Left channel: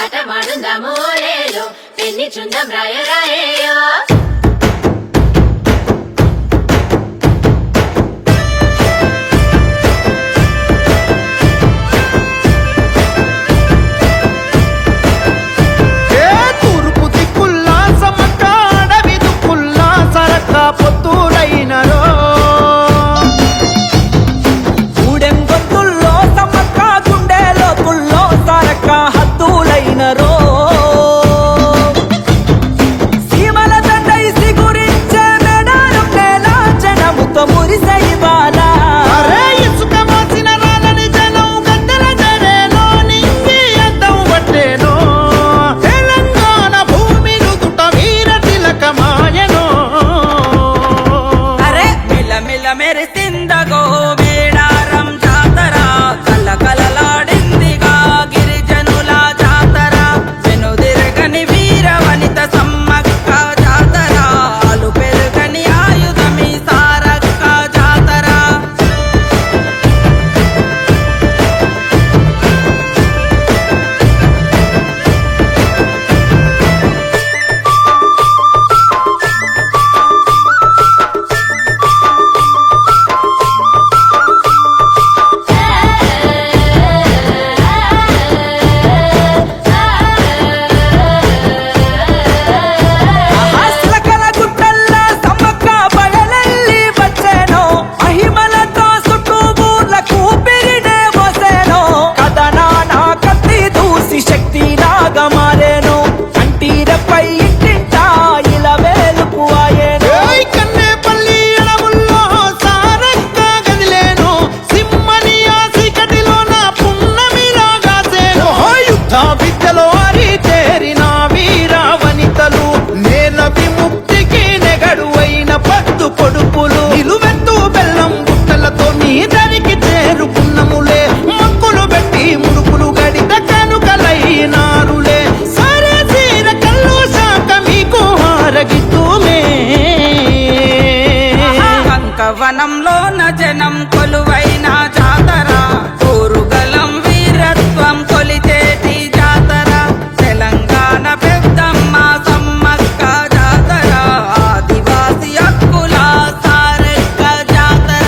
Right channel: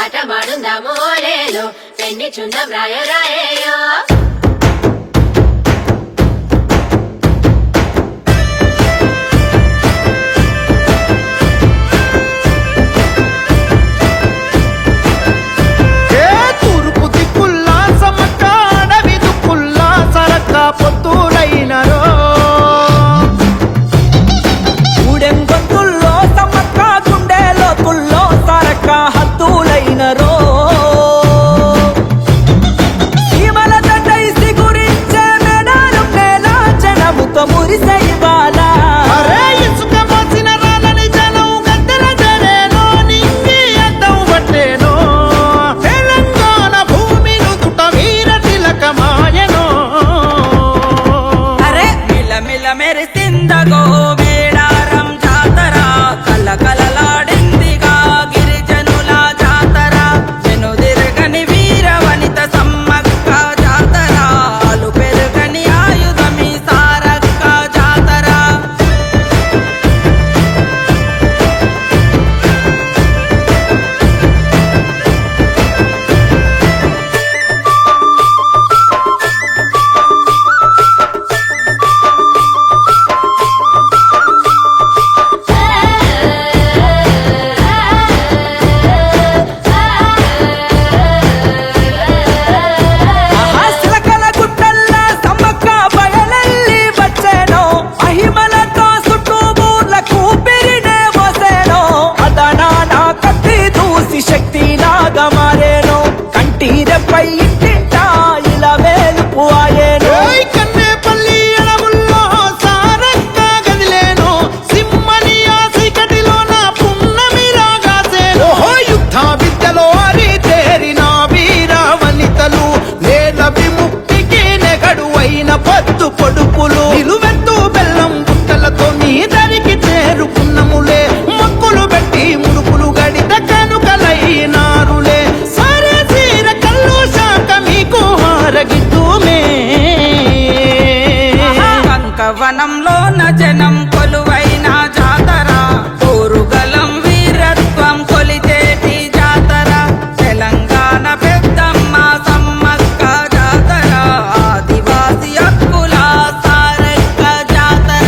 ಆಟ ಮಾಡುಂದ ಮೋಲೇನು ಪೆನ್ನಿ ಚುಂದ ಬ್ರಾಯ ರಾಯೋ తూర్పు దిక్కుల్లా సమ్మక్క అడవి దుక్కుల్లా సరక్క పొత్తులైనరో ఊడెం గొంతుల్లో సమ్మక్క గుండెలో తుల్లో సరక్క హద్దులైనరో సీమల తండైసి గురించే మెడారం నేల జనముతో మురిసే ఇవాళ అరే ఇసుక మోసిన రాలని జనం గద్దెల జరేనో నింగి అద్దం పట్టేనో తెలంగాణ భూమిను దుట వీర తిలకమాయనో అరే మిలమిల మెరిసిందగో మేడారం జాతర కలకలలాడిందిగా గిరిజనుల జాతర వెనుదిరగని వీర వనిత సమ్మక్క జాతర అలు పెరుగని ఆయుధమి సారక్క జాతర మహిమలతో చుట్టూ బూర్లకు పిరినే వసేనో కథనానా కత్తి దూసి శక్తి లాగా మారేను కంటిరపై ఇంటింటా ఇలా వేలుపు ఆయేను ఏయ్ కన్నేపల్లి అడవుల్లో సారక్క గదిలేను సింహని ఆ చీకటిలో నా పున్నమిలాగాసేను యుద్ధ విద్యలో అరితేరిన వీర వనితలు నేన విముక్తికి నెగడువైన పద్దు పొడుపులు నిలువెత్తు బెల్లం బుట్టలతో మీ దరికి చేరుకున్నములే మొక్కులు పెట్టి ముడుపులు గడిత కనుకలైనారులే సరే సీర కల్లు శాఖ మీకు హారగిద్దుమే కంకవనంలోన జనం కొలువైన జాతర కోరుగలం వీరత్వం కొలిచేటి జాతర తెలంగాణ పెద్దమ్మ సమ్మక్క జాతర ఆదివాసి హక్కుల సారక్క జాతర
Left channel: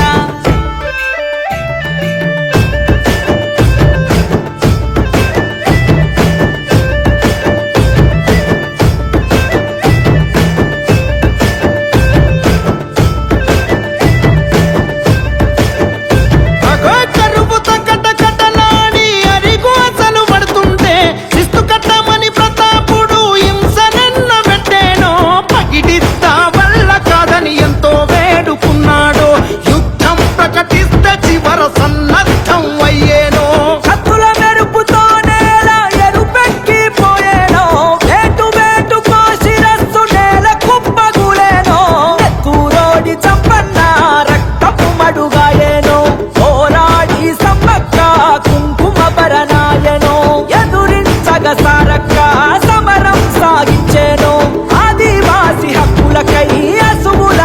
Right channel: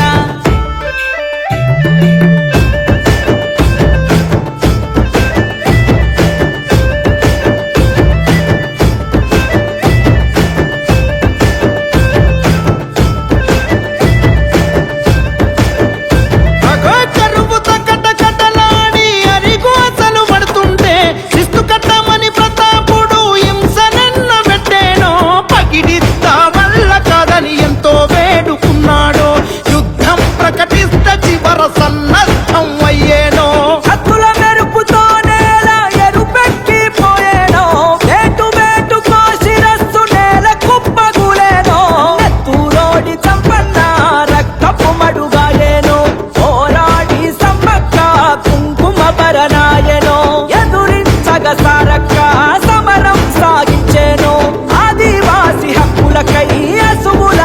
అగో కరువుతో కటకటలాడి అరిగోసలు పడుతుంటే శిస్తు కట్టమని ప్రతాపుడు హింసనెన్న పెట్టేనో పగిడిస్తా వల్ల కాదని ఎంతో వేడుకున్నాడు యుద్ధం ప్రకటిస్తే చివర సన్నద్ధం అయ్యేనో కత్తుల మెరుపుతో నేల ఎరుపెక్కిపోయేనో వేటు వేటుకో శిరస్సు నేల కుప్పగులేనో ఎత్తురోడి చంపన్న రక్తపు మడుగాయేను పోరాడి సమ్మక్క కుంకుమ బలరాయెను ఎదురించగ సారక్క సమరం సాగించేను ఆదివాసి హక్కులకై అసువుల